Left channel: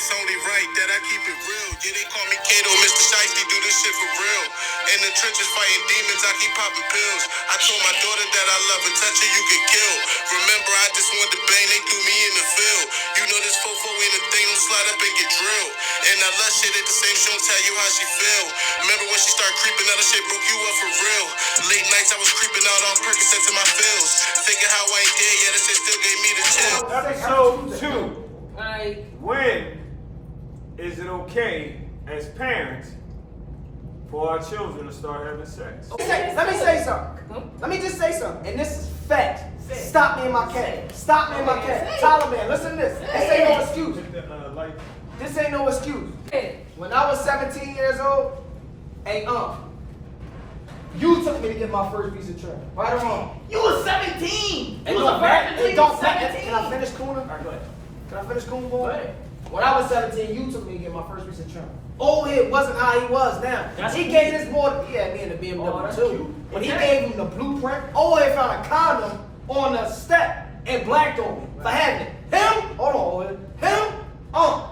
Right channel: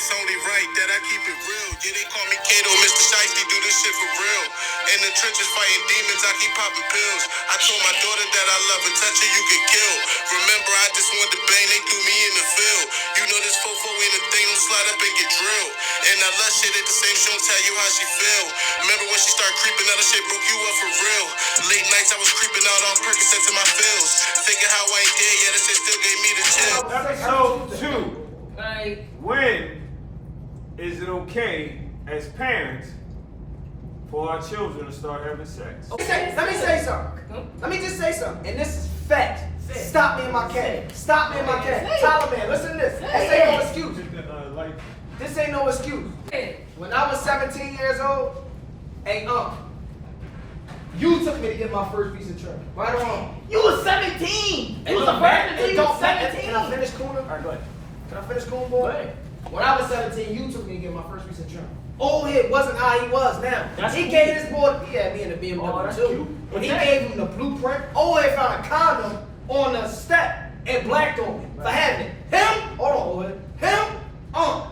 It's only right that I keep it real. Yeah, they call me Kato, Mr. Shiesty, do this shit for real. In the trenches fighting demons, I keep popping pills. I told my daughter that I love her, touch her, you get killed. Remember, I just wanted to bang, they threw me in the field. You know this fofo ain't a thing, don't slide up and get drilled. And I love shit at the same show, tell you how she feel. Remember when she started creeping out, the shit broke you up for real. Late nights I was creeping out on Percocets in my feels. Thinking how I ain't dead yet, that shit still gave me the chill. Episode 2. When is it okay as parents for our children to start having sex? Let me say something. Let me just say something. And this is fact. Stop me in my cat. Stop me in my cat. Tyler, man, listen to this. This ain't no excuse. This ain't no excuse. When I was 17 years old, hey, you took me to get my first piece of trim. Right or wrong? You was 17. You was a virgin virgin. until you was 17. Can I finish cooling? All right, go ahead. Can I finish cooling, boy? Go ahead. When I was 17, you took me to get my first piece of trim. Old head wasn't how he was now. He That's gave this boy, he had me in the BMW too. cute. When he gave him the blueprint, old head found a condom on the step and blacked on me for having it. Him, hold on, old head. Him,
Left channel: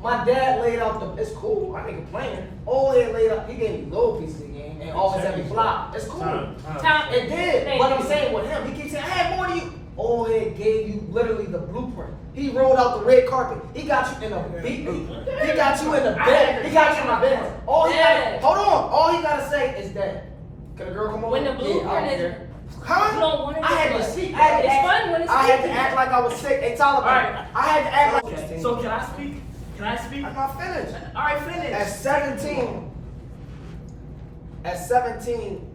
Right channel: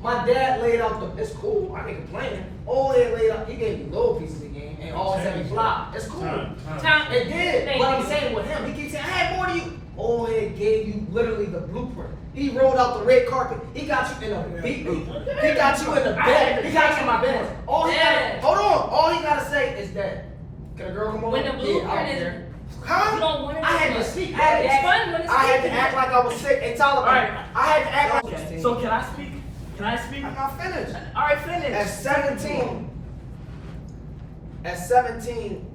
my dad laid out the, it's cool, I ain't complaining. Old head laid out, he gave me little pieces of game and always had me flop. It's cool. It did. But I'm saying with him, he keeps saying, I had more than you. Old head gave you literally the blueprint. He rolled out the red carpet. He got you in a beat. He got you in the bed. He got you in my bed. All he gotta, hold on. All he gotta say is that. Can a girl come over? When the blueprint is, Huh? you don't want it I had to to be. speak. It's fun when it's I had to speaking. act like I was sick. Hey, Tyler, Alright. I had to act like. Okay. So can I speak? Can I speak? I'm not finished. All right, finish. At 17,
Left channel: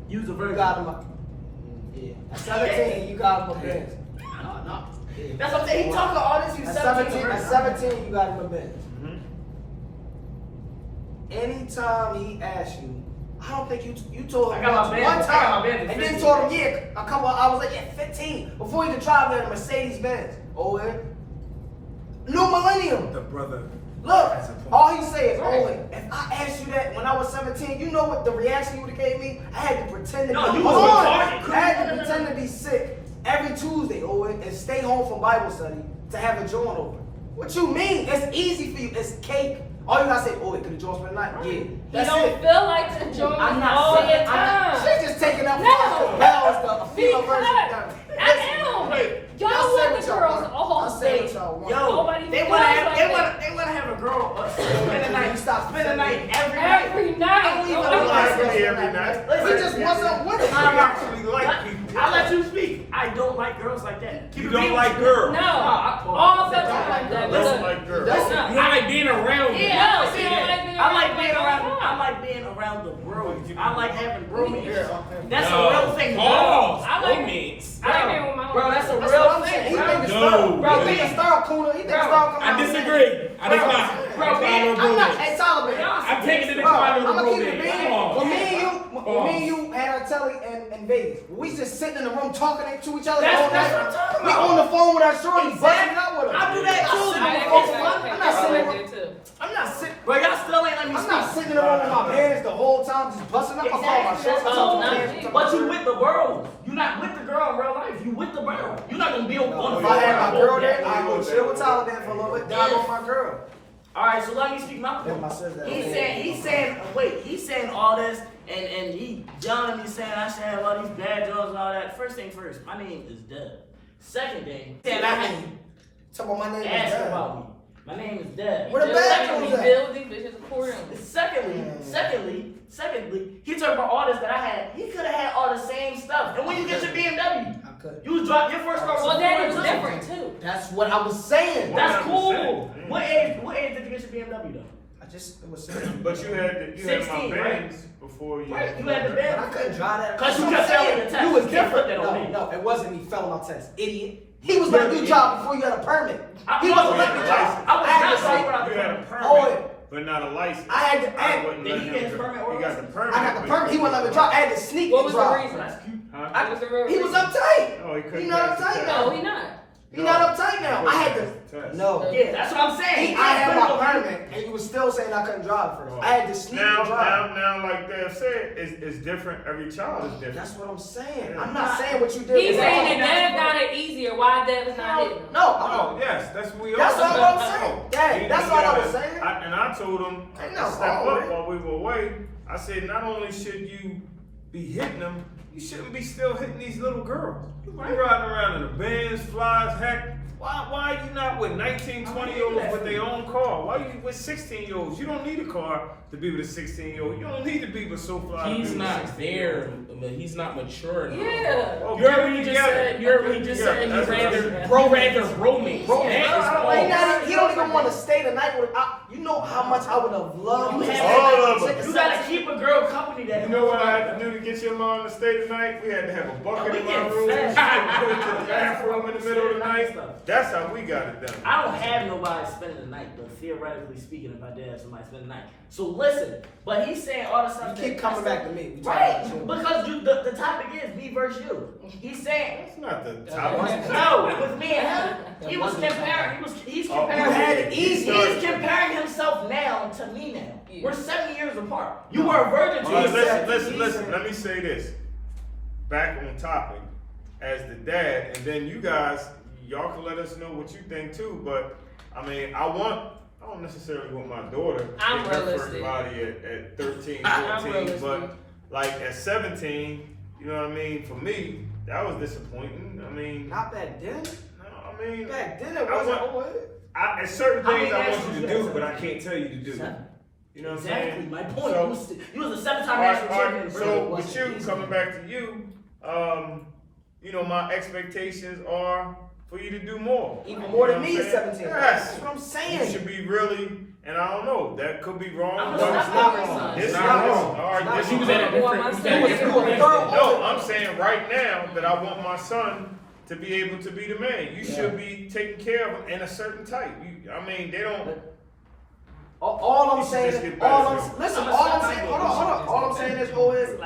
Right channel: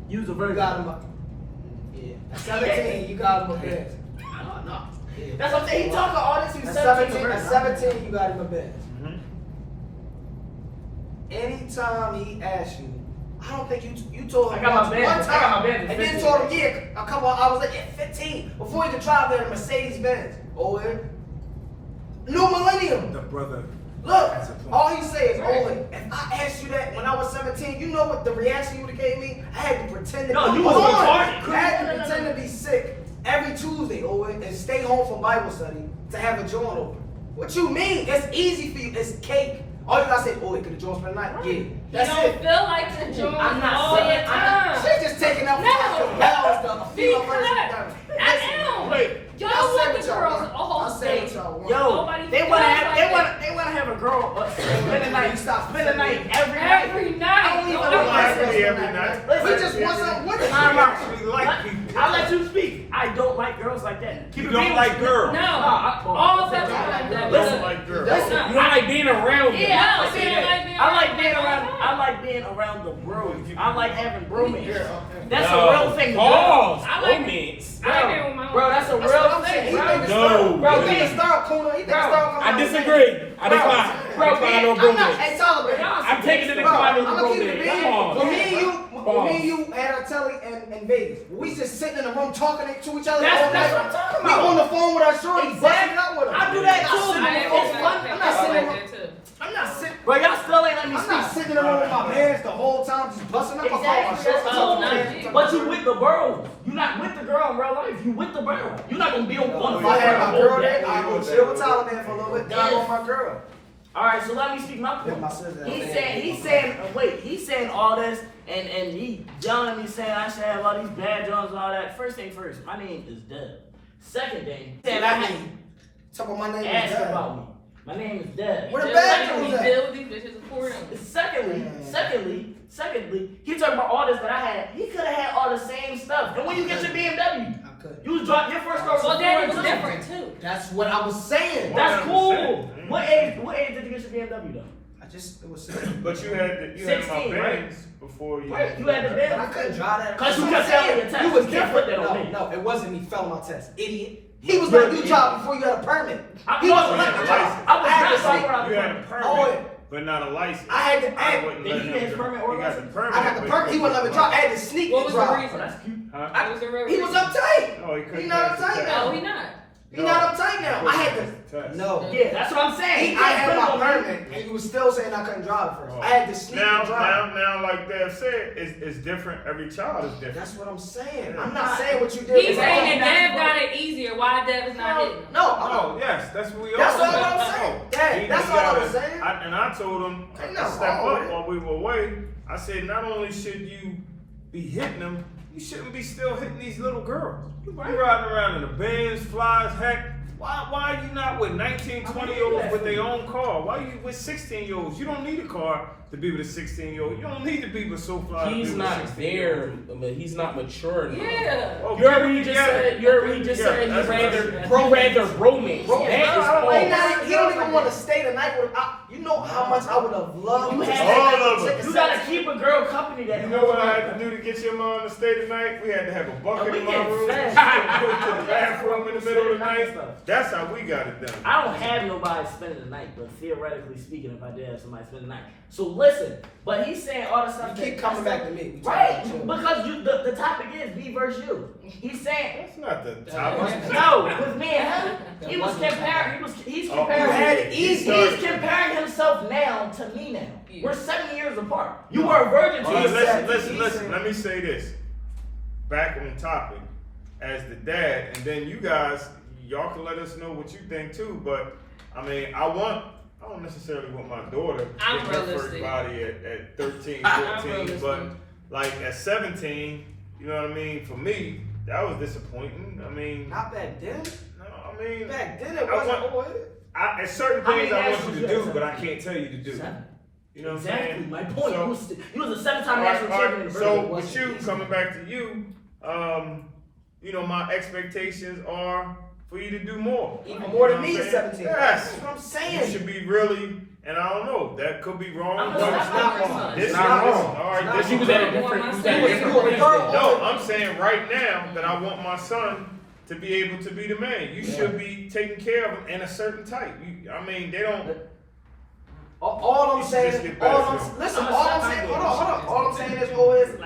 Use a you virgin. got him. Yeah. At 17, you got him a Benz. No. That's what I'm saying. He talking all this. He's At 17. 17, you got him a Benz. Mm-hmm. Anytime he asks you, I don't think you told him I got my once, Benz. one I time, got my Benz at and then 15. told him, yeah, a couple of hours later, yeah, 15, before he could drive in a Mercedes Benz. Oh, yeah. New Millennium. The brother. Look, That's a point. all he said is, oh, if I asked you that when I was 17, you know what the reaction you would have gave me? I had to pretend to No, be you was Hold on. retarded. I had to pretend to be sick every Tuesday, and stay home from Bible study to have a joint open. What you mean? It's easy for you. It's cake. All you gotta say, oh, could the joint spend the night? Yeah, You that's don't it. feel like the joint I'm not all saying. the time. She's just taking up for No. like the bells, the female version. I am. Wait. Y'all I'll say want what the y'all girls want. all I'll say day. what y'all want. Yo, Nobody they feels wanna like have, that. they wanna have a girl spend the night. Stop. Spend the night every night. Every night. I don't even Oh, know yeah. why. Actually, every night. We just want some. What is I I'm actually like people. I'll let you speak. I don't like girls like that. You don't like girls. No. I- All the I time. like girls. Listen, like girls. Listen, I I like being around them. Yeah, I I say that. I like being around. I like being around the bros. I like having bromance. That's No. a real thing. Pause. I like- Romance. I agree with my Bro, that's a That's what real I'm saying. thing. He Bro. think it's No. style. Bro, He think it's style cooler. He think it's Bro, style coming I out. disagree. I decline. Bro, I decline on I'm not. romance. Hey, Tyler, man. I'm taking it to Bro, decline on I'ma keep it romance. big. Come on. When me and you had our telly in Vegas, we just sitting in the room talking to each other That's- all night. that's what I'm talking We about. on the phone with our shorties, busting Exactly. it out with them. I do that too. I'm not sitting in the room. I'm not sitting. Bro, y'all still ain't let me I'm not speak. sitting in the room with my bands the whole time, just busting up. I call my Exactly, shorts. that's I talk to all my nice. bands. But you with the bro. You not with the girl in real life. You with the bro. You not gonna be on the If I had my girl there, phone. I go chill with Tyler there for a little bit. Then I go with my girl. All right, so let me speak my Then point. my sister. He's saying all this, and he yelling at me saying I should have all these bad jobs and all that. First thing first, my name is Deb. Second thing, Saying I mean, talk about my name is ask Dad. about me. My name is Deb. Where the bathrooms at? build these bitches accordingly. Secondly, he talking about all this that I had. He could have had all the same stuff. And when you get your BMW, I could. you drop your first car was Well, a then it was 4.2. different too. That's what I was saying. That's cool. 100%. What age did you get your BMW though? It was. But you had my 16, right? bands before you. Right, you had the But Benz. I couldn't drive that. 'Cause you That's kept what I'm failing saying. your test. You was You can't put different. that on No, me. no, it wasn't me failing my test, idiot. He was letting you drive before you had a permit. He wasn't letting you drive. I was I had not to sorry sit- without the You had a permit. permit, Oh, but not a license. I had to. I wouldn't Did let he him get his drive. permit or He got the license? permit. I got the but permit. He wouldn't let me drive. I had to sneak What and was the drive. reason? Oh, that's cute. Huh? What was the real He was reason? uptight. No, he couldn't He not pass the uptight test. now. No, he not. He not uptight now. I had Test. to. No. Yeah, that's what I'm saying. I had my permit, and you was still saying I couldn't drive first. I had to sneak and drive. Now, like Dev said, it's different. Every child is different. That's what I'm saying. Yeah. I'm not saying what you did. He's was saying wrong. that Dev got it easier. Why Dev is not hitting him? No, Oh, yes, that's what we all That's all said. I'm saying. Dad, that's all I was saying. And I told him Ain't to nothing step wrong with up it. while we were away. I said, not only should you be hitting them, you shouldn't be still hitting these little girls. You riding around in the Benz, flies, heck. Why are you not with 19, 20-year-olds with their own car? Why are you with 16-year-olds? You don't need a car to be with a 16-year-old. You don't need to be with SoFly to be He's with a not 16-year-old. there, but he's not mature enough. Yeah. Well, You heard get what it he just together. said. You heard what Get he it just together. said. That's He what I rather said. bromance. Bro, That's he don't even want to stay the night with. You know how much I would have loved. You to had stay all with of a them. chick You at gotta 17. keep a girl company that. You know what I had to do to get your mom to stay tonight? We had to have a bucket And we in my get room. fed. She couldn't go to the bathroom in the middle of the night. Stuff. That's how we got it done. I don't have nobody spending the night, but theoretically speaking, if I did have somebody spend the night. So listen, but he's saying all the stuff You that keep coming back to me. We Right, talking about you. because the topic is me versus you. He's saying That's not the topic. no with me and him. He was comparing. He's Oh, comparing. you had it He's easy. comparing himself now to me now. Yeah. We're 7 years apart. You were a virgin All to right, yourself. listen. Let me say this. Back on topic, as the dad, and then you guys, y'all can let us know what you think too. But I mean, I don't necessarily want my daughter I'm getting her first realistic. body at 13, I'm 14, realistic. but like at 17, you know what I mean? For me, that was disappointing. I mean, Not back then. no, I mean, Back then it I wasn't. want- at certain How things many I want nationals you you to had, do, but I seven? can't tell you to do. Seven. You know what I'm Exactly. saying? My point. So- you was a 7-time All right, national all champion. right. in So Virgin. with you coming back to you, you know my expectations are for you to do more. Even You more know than what me I'm at saying? 17. Yes. That's what I'm You saying. should be really, and I don't know, that could be wrong. I'm but gonna it's stop not my wrong. son. This It's is not this- wrong. all right. It's This not is was wrong. at a different. You He was was at a doing different the place girl then. No, I'm saying right now that I want my son to be able to be the man. You should be taking care of him in a certain type. I mean, they don't. All I'm You should saying, just get better, all I'm, Joe. listen, I'm all a I'm step saying, back. hold on. All I'm saying is always, look.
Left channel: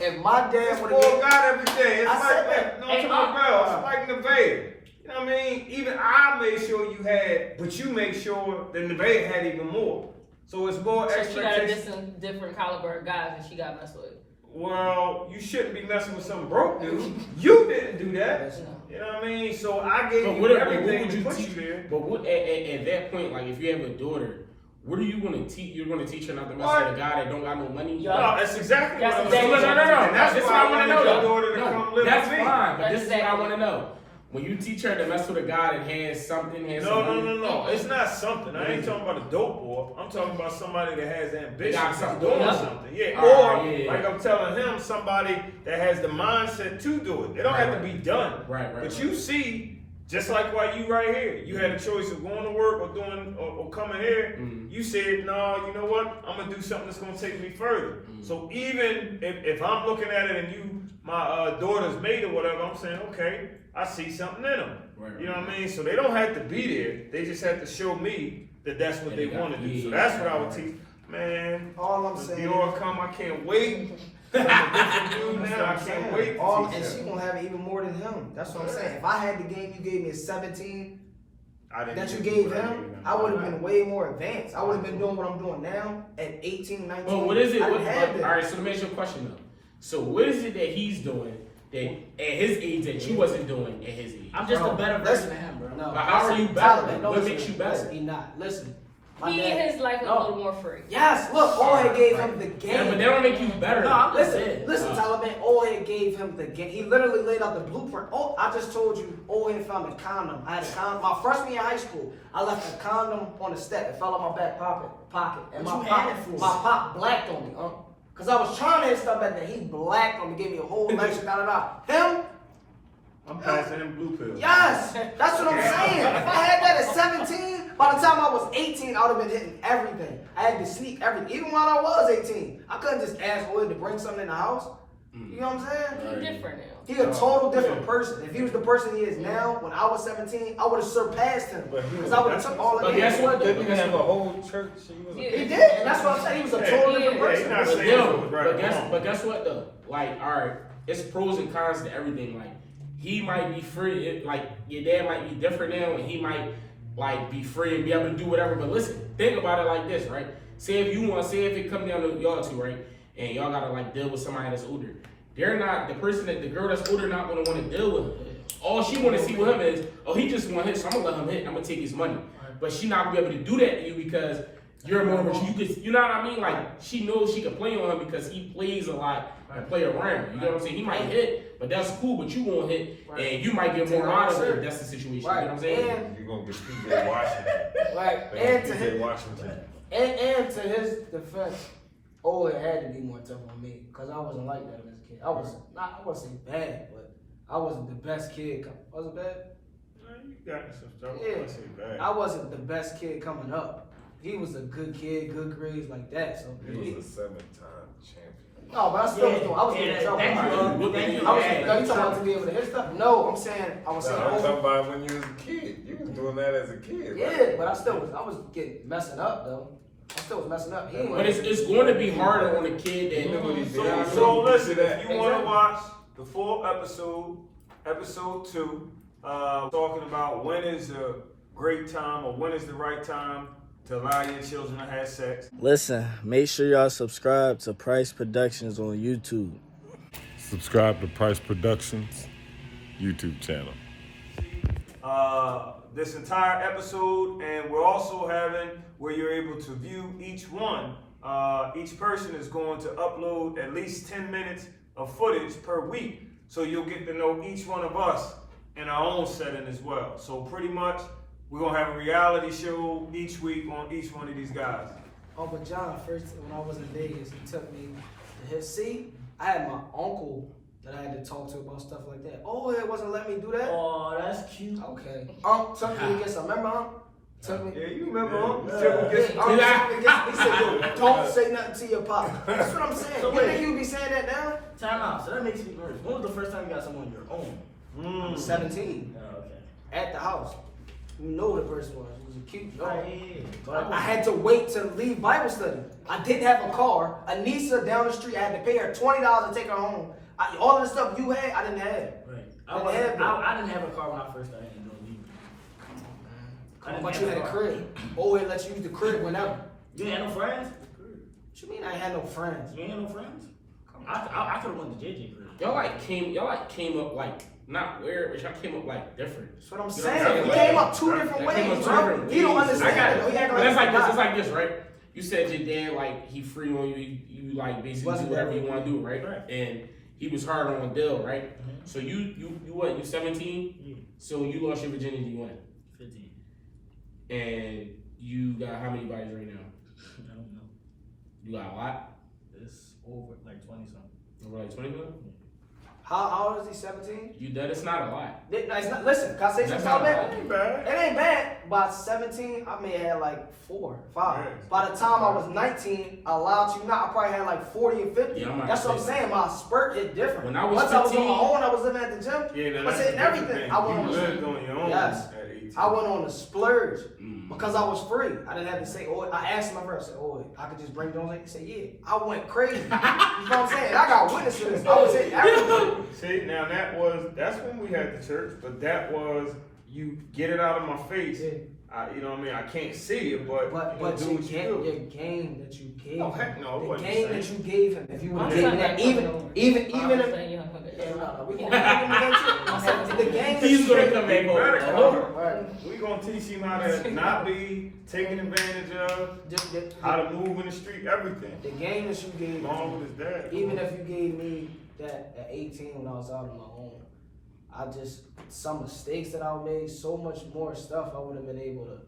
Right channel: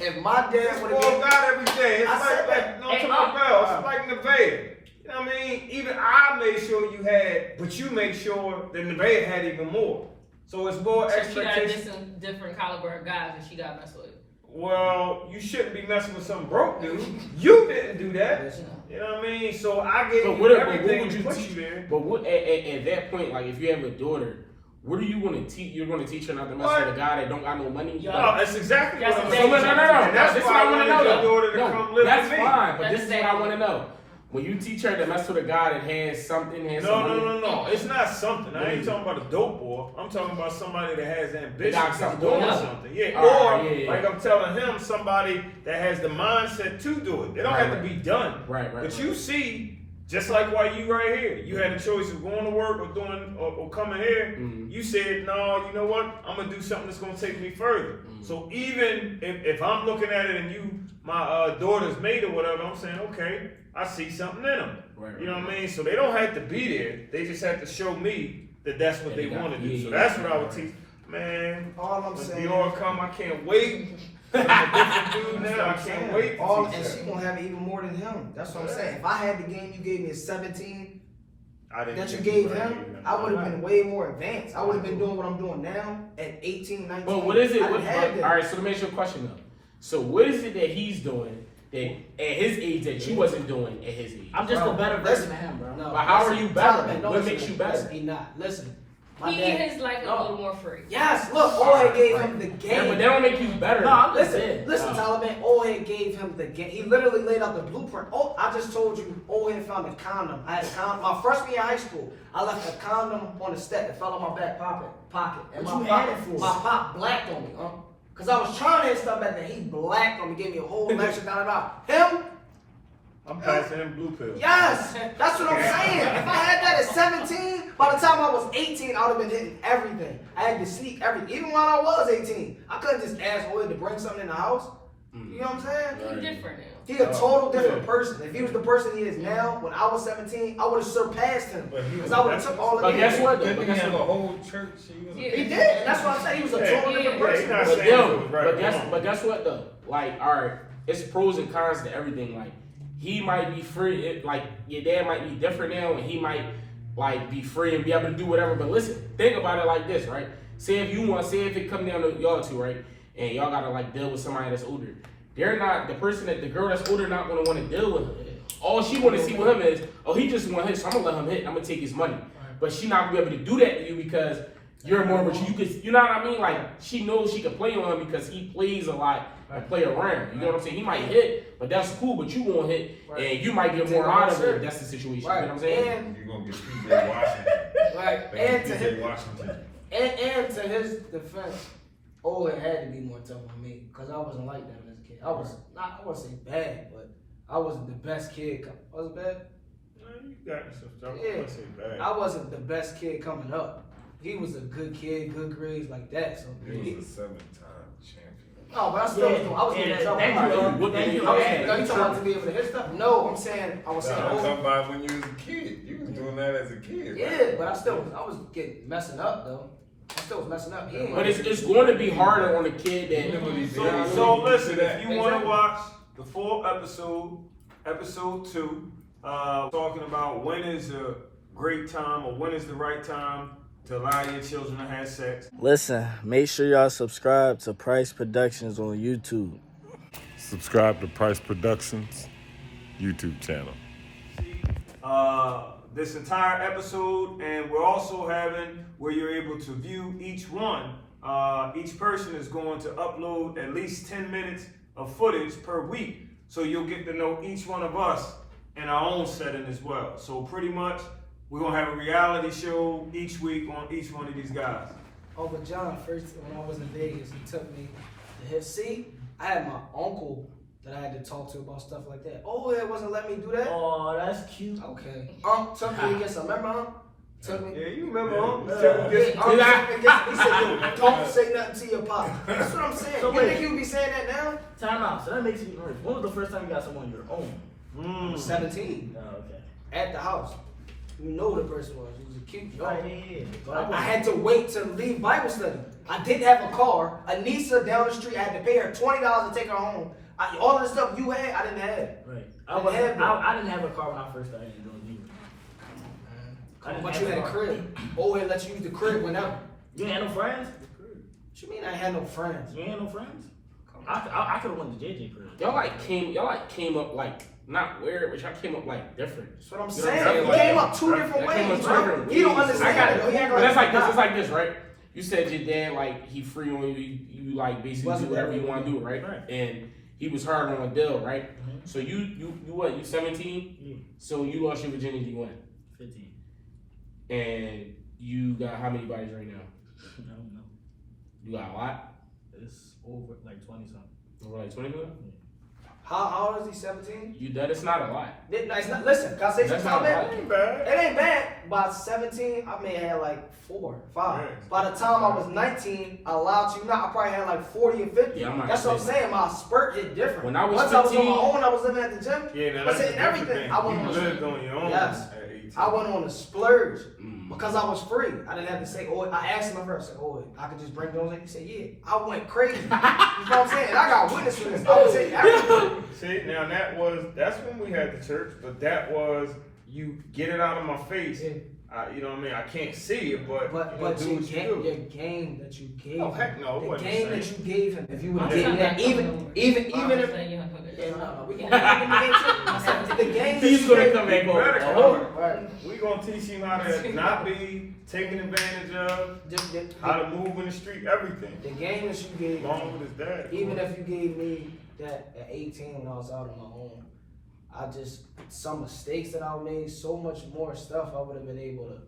If my dad It's would for have God every day. It's I said that. no, Hey, to my bell. It's like Nevaeh. You know what I mean? Even I made sure you had, but you make sure that Nevaeh had even more. So it's more So she got a expectation. different caliber of guys and she got messed with. Well, you shouldn't be messing with some broke dude. You didn't do that. Listen. You know what I mean? So I gave But you what everything would to you put teach? you there. But what at that point, like if you have a daughter, what are you going to teach? You're going to teach her not to mess with a guy that don't got no money. Yeah. No, that's exactly what I'm That's saying. exactly- no. And that's This why I what wanted wanna your know, daughter to though. come live That's with me. fine, but this is what I Exactly. want to know. When you teach her to mess with a guy that has something, has No, some no, money, no. It's not something. I ain't talking about a dope boy. I'm talking about somebody that has ambition, got that's something doing going on. something. Yeah. Alright, Or yeah. like I'm telling him, somebody that has the mindset to do it. It don't Right, have to right. be done. Right. But you see, just like why you right here, you had a choice of going to work or doing or coming here. Mhm. You said, no, you know what? I'm gonna do something that's gonna take me further. So even if I'm looking at it and you, my daughter's mate or whatever, I'm saying, okay, I see something in them. Right, You know what I mean? So they don't have to be there. They just have to show me that that's what Yeah, they they got- want to do. yeah, So yeah, that's what I right, would right. teach. Man, All I'm when saying. Dior come, I can't wait. I'm a different dude now. I can't wait to All, teach and her. she gonna have even more than him. That's what I'm saying. If I had the game you gave me at 17 I didn't that you think gave what him, gave I would have been way more advanced. I would have been doing what I'm doing now at 18, 19. But what is it? I What, didn't have all that. right, so let me ask you a question though. So what is it that he's doing that at his age that you wasn't doing at his age? I'm just Bro, a better listen. version of him, bro. No, But how listen, are you better? Tyler, What listen, makes you better? Listen, he not. Listen. My He dad. his life a No. little more free. Yes, look, Old gave him the Yeah, game. but that don't make you better. No, I'm just Listen, saying. listen, Taliban. Old gave him the game. He literally laid out the blueprint. Oh, I just told you, Old found a condom. I had a condom. My freshman year in high school, I left a condom on the step. It fell out my back pocket. And What my you pop, had it for? my pop blacked on me, Cause I was trying to hit stuff back then. He blacked on me, gave me a whole lecture, Him, I'm passing him blue pills. yes, that's what I'm saying. If I had that at 17, by the time I was 18, I would have been hitting everything. I had to sneak everything. Even while I was 18, I couldn't just ask Old to bring something in the house. You know what I'm saying? He's different now. He a total different person. If he was the person he is now, when I was 17, I would have surpassed him. But he Because was- I would have took all of But it. guess what? Though? Didn't But he guess have a what? whole church? So he was Yeah. He did, and that's what I'm saying. He was a total Yeah. different Yeah, person. he's not But saying if it yo, was right or wrong. but guess what though? Like, all right, it's pros and cons to everything. Like, he might be free. Like your dad might be different now, and he might like be free and be able to do whatever. But listen, think about it like this, right? Say if it come down to y'all two, right, and y'all gotta like deal with somebody that's older. They're not the girl that's older not gonna want to deal with him. All she want to see with him is, oh, he just want hit, so I'm gonna let him hit. I'm gonna take his money. But she not gonna be able to do that to you because you're more mature. You know what I mean? Like she knows she can play on him because he plays a lot and play around. You know what I'm saying? He might hit, but that's cool. But you gonna hit, and you might get more out of it. If that's the situation. Right. You know what I'm saying? And You're gonna get PJ Washington. like, and to PJ his Washington. and to his defense, it had to be more tough on me because I wasn't like that as a kid. I was not. I wouldn't say bad, but I wasn't the best kid. Was it bad? You got some stuff. Yeah. I wouldn't say bad. I wasn't the best kid coming up. He was a good kid, good grades like that. So He was a 7-time champion. no, but I still was doing. I was doing something. Thank you. Thank you. I was, no, you talking about to be able to hit stuff? No, I'm saying I was saying. I'm talking about when you was a kid. You was doing that as a kid. Yeah, but I was getting messing up though. I still was messing up. He ain't But it's going to be harder on a kid that. So listen, if you want to watch the full episode 2, talking about when is a great time or when is the right time to allow your children to have sex. Listen, make sure y'all subscribe to Price Productions on YouTube. Subscribe to Price Productions YouTube channel. This entire episode, and we're also having where you're able to view each one. Each person is going to upload at least 10 minutes of footage per week, so you'll get to know each one of us in our own setting as well. So pretty much, we're gonna have a reality show each week on each one of these guys. Oh, but John, first when I was in Vegas, he took me to his seat. I had my uncle that I had to talk to about stuff like that. Oh, it wasn't letting me do that. Oh, that's cute. Okay. Took me against. Remember, Took me. Yeah, you remember him? He said, yo, don't say nothing to your pop. That's what I'm saying. So you wait. think you would be saying that now? Time out. So that makes me nervous. When was the first time you got someone on your own? I was 17 Oh, okay. at the house. You know who the person was. He was a cute Oh, young. yeah. But I had to wait to leave Bible study. I didn't have a car. Anissa down the street, I had to pay her $20 to take her home. All of the stuff you had, I didn't have. Right. I I didn't have a car when I first started doing music. I didn't But have you a had a car. crib. Oh, it let you use the crib whenever. You ain't had no friends? What you mean I had no friends? You ain't had no friends? I could have went to JJ crib. Y'all came up like not weird, but y'all came up like different. That's what I'm You know saying. what I'm We saying? came up two different Y'all came up ways, two bro. different He don't ways. understand. I got it, though. He ain't But gonna it's like this. understand. It's like this, right? You said your dad like he free on you. You like basically Wasn't do whatever that you want to do, right? Right. And he was hard on Dill, right? Mm-hmm. So you what? You 17? Yeah. So you lost your virginity when? 15. And you got how many bodies right now? I don't know. You got a lot? It's over like 20 something. Over like 20 million? How old is he? 17? You that it's not a lot. It's not, listen, can I say That's something, not man? Ain't bad. It ain't bad. By 17, I may have had like 4, 5. Yeah. By the time I was 19, I allowed you not, I probably had like 40 or 50. Yeah, I'm not That's what I'm saying. saying. My spurt hit different. When I was Once I was on 15, my own, I was living at the gym. Yeah, now But that's see, a different everything, thing. I went You on lived on your own Yes. at 18. I went on a splurge Mm. because I was free. I didn't have to say, oh, I asked my friend, I said, oh, I could just bring Jones in. He said, yeah. I went crazy. You know what I'm saying? And I got witness to this. I was hitting everything. See, now that's when we had the church, but that was you get it out of my face. Yeah. You know what I mean? I can't see it, but, But you know, do what you do. your game that you gave No, him. heck no, it The wasn't game the that same. you gave him. If you would have I'm gave me trying that, to even if yeah, no, we gonna give him the game too. I said, the game that He's you gonna gave come me. back Better home. come on. Right. We gonna teach him how to not be taken advantage of, how to move in the street, everything. The game that you gave Along me, with his dad. of even course. if you gave me that at 18 when I was out on my own, some mistakes that I made, so much more stuff I would have been able to,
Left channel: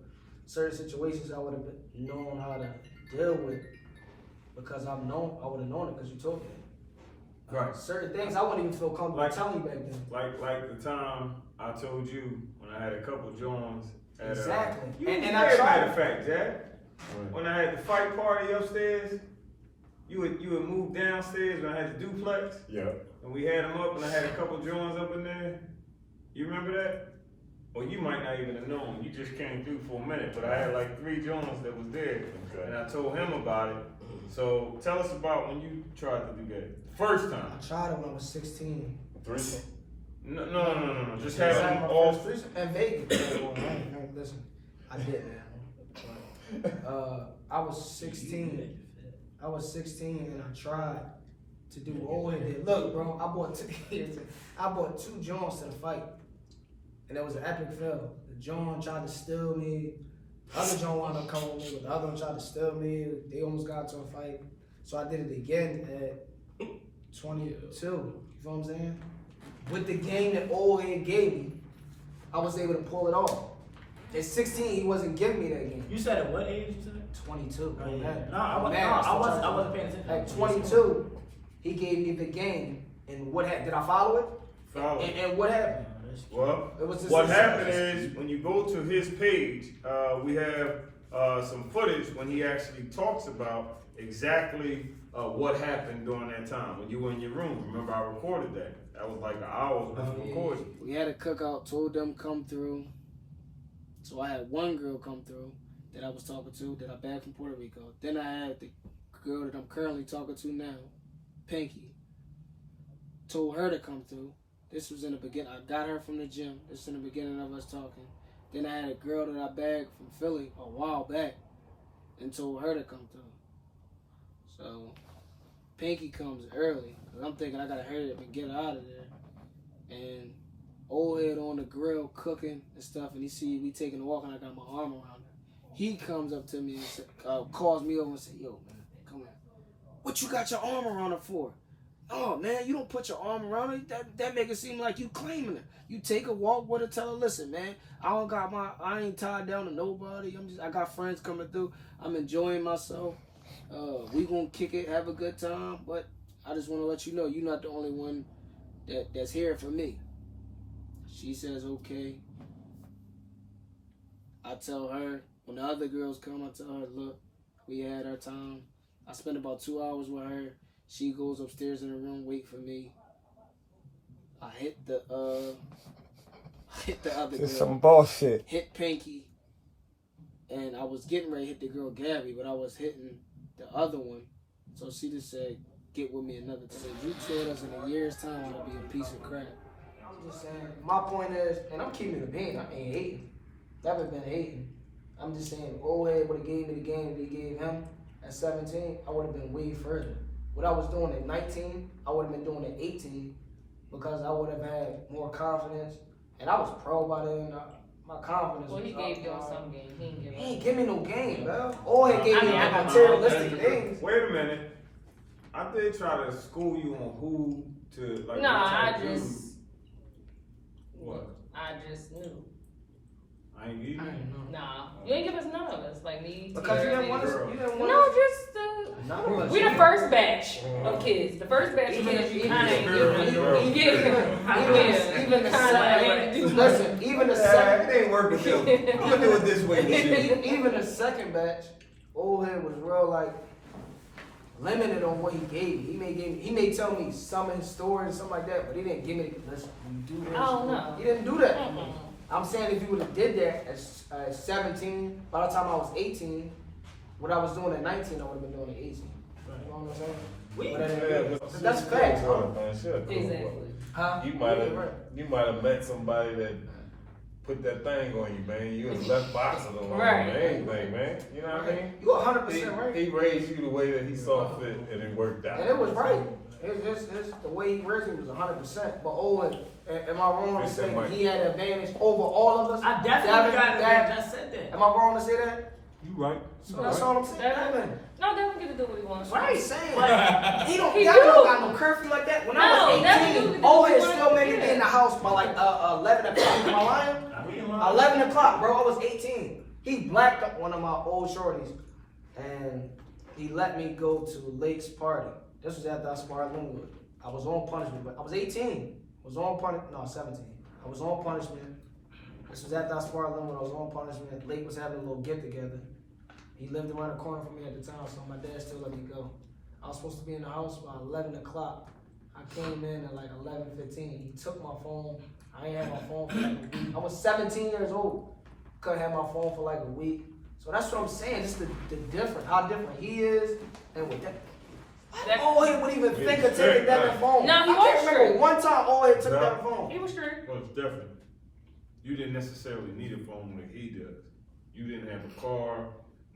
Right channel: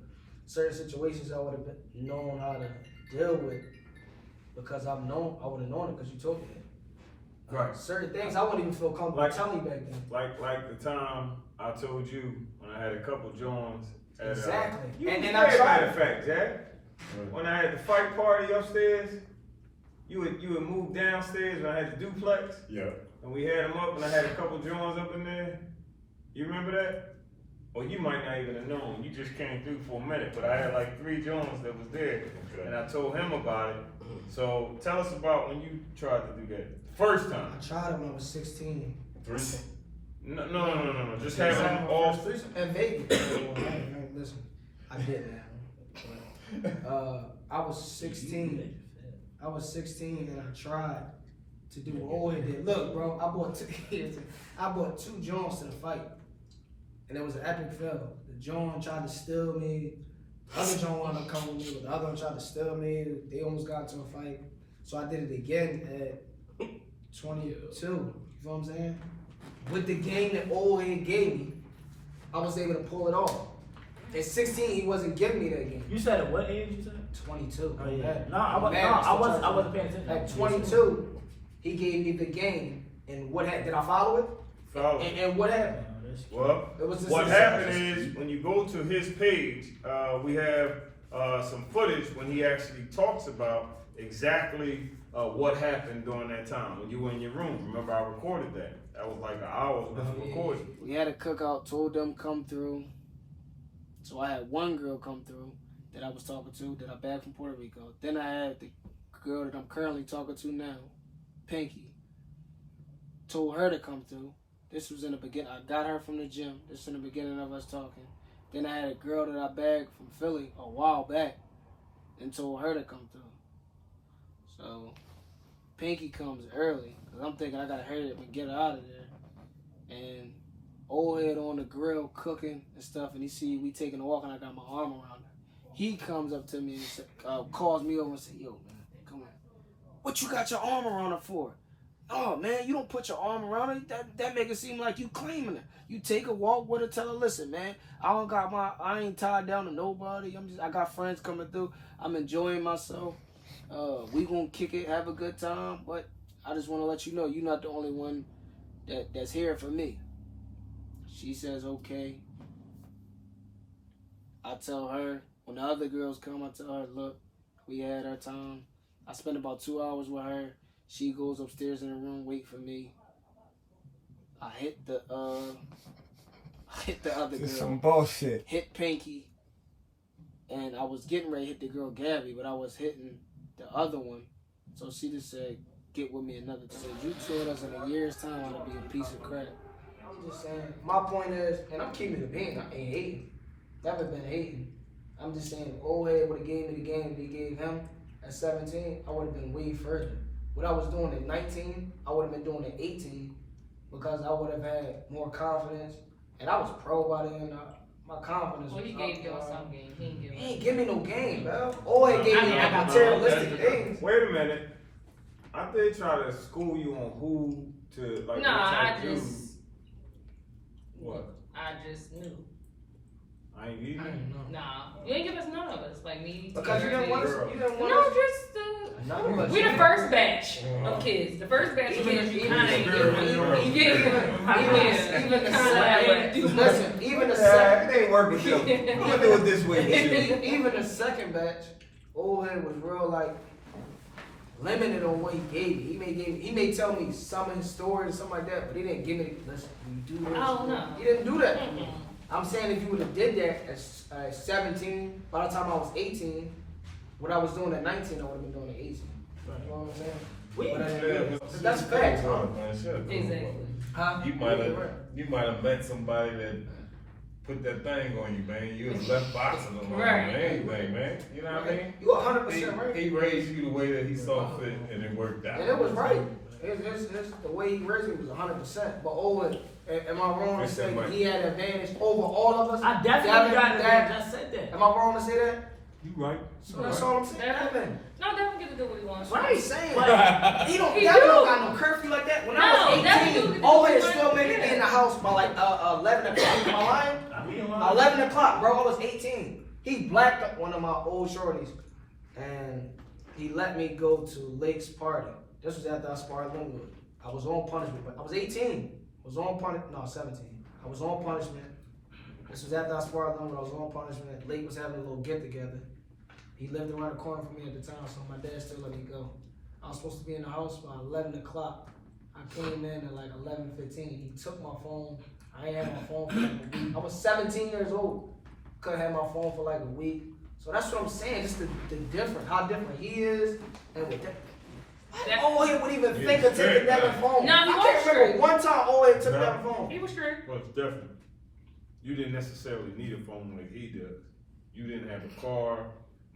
certain situations I would have known how to deal with because I would have known it because you told me that. Right. Certain things I wouldn't even feel comfortable Like- telling you back then. Like the time I told you when I had a couple joints at Exactly. You And was I there, tried matter it. of fact, Jack. When I had the fight party upstairs, you would move downstairs when I had the duplex, Yeah. and we had them up, and I had a couple joints up in there. You remember that? Or you might not even have known. You just came through for a minute, but I had like 3 joints that was there, Okay. and I told him about it. So tell us about when you tried to do that first time. I tried it when I was 16. 3. No. Just have them off. And Vegas. Listen, I did that. I was 16. I was 16 and I tried to do what old head did. Look, bro, I bought two Johns to the fight, and it was an epic fail. The John tried to steal me. The other John wanted to come with me, but the other one tried to steal me. They almost got into a fight, so I did it again at 22. You know what I'm saying? With the game that old head gave me, I was able to pull it off. At 16, he wasn't giving me that game. You said at what age you said? 22. Oh, yeah. No, I wasn't paying attention. At 22, he gave me the game, and what happened? Did I follow it? Follow. And what happened? Well, It was just what a happened success. is when you go to his page, we have some footage when he actually talks about exactly what happened during that time when you were in your room. Remember, I recorded that. That was like an hour's worth of recording. We had a cookout, told them come through. So I had one girl come through that I was talking to that I bagged from Puerto Rico. Then I had the girl that I'm currently talking to now, Pinky. Told her to come through. This was in the beginning. I got her from the gym. This was in the beginning of us talking. Then I had a girl that I bagged from Philly a while back and told her to come through. So Pinky comes early because I'm thinking I got to hurry up and get her out of there. And old head on the grill cooking and stuff, and he see we taking a walk and I got my arm around her. He comes up to me and calls me over and say, "Yo, man, come on. What you got your arm around her for?" "Oh, man, you don't put your arm around her. That make it seem like you claiming her. You take a walk with her, tell her, listen, man, I ain't tied down to nobody. I got friends coming through. I'm enjoying myself. We gonna kick it, have a good time. But I just want to let you know, you're not the only one that's here for me." She says, okay. I tell her, when the other girls come, I tell her, look, we had our time. I spent about 2 hours with her. She goes upstairs in her room, wait for me. I hit the other girl. Some bullshit. Hit Pinky. And I was getting ready to hit the girl Gabby, but I was hitting the other one. So she just said, get with me another time. You told us in a year's time I'd be a piece of crap. I'm just saying, my point is, and I'm keeping it a bean, I ain't hating. Never been hating. I'm just saying, old head would have gave me the game that he gave him at 17, I would have been way further. What I was doing at 19, I would have been doing at 18 because I would have had more confidence. And I was pro by then. My confidence Well, was he up. gave y'all some game. He ain't give He us. ain't give me no game, bro. Old head gave me I like know. materialistic things. Wait a minute. I did try to school you on who to like. Nah, what type I of dude. just. What? I just knew. I ain't give I you. don't know. Nah, you ain't give us none of us. Like me. Because you didn't want us. Girl. You didn't want No, us. just None of us. we the first batch of kids. The first batch of kids. Even the second. It ain't work with them. I'm gonna do it this way with you. Even the second batch, old head was real like limited on what he gave me. He may tell me some of his stories and something like that, but he didn't give me listen, you do this. Oh, no. He didn't do that. Mm-mm. I'm saying if you would have did that at 17, by the time I was 18, what I was doing at 19, I would have been doing at 18. You know what I'm saying? But I didn't do that. That's facts, huh? Exactly. Huh? You might have met somebody that put that thing on you, man. You was left boxing along Right. anything, man. You know what I mean? You 100% right. He raised you the way that he saw fit, and it worked out. And it was right. It's the way he raised me was 100%. But Owen, am I wrong to say he had advantage over all of us? I definitely got it. I just said that. Am I wrong to say that? You right. So that's all I'm saying. Devin. No, Devin get to do what he wants. Right, saying. But He don't. He Devin do. don't got no curfew like that. When I was No, Devin do 18, get to Owen do still what he made me wants. in the house by like 11 o'clock. Am I lying? I mean, 11 o'clock, bro. I was 18. He blacked up one of my old shorties, and he let me go to Lake's party. This was after I sparred Linwood. I was on punishment, but I was 18. I was on punishment. No, 17. I was on punishment. This was after I sparred Linwood. I was on punishment. Lake was having a little get together. He lived around the corner from me at the time, so my dad still let me go. I was supposed to be in the house by 11 o'clock. I came in at like 11:15. He took my phone. I ain't had my phone for like a week. I was 17 years old. Couldn't have my phone for like a week. So that's what I'm saying. Just the difference, how different he is, and with that. What? Old would even think of taking that phone. No, he I was can't remember straight. one time old took No. that phone. He was strict. Well, it's different. You didn't necessarily need a phone like he does. You didn't have a car,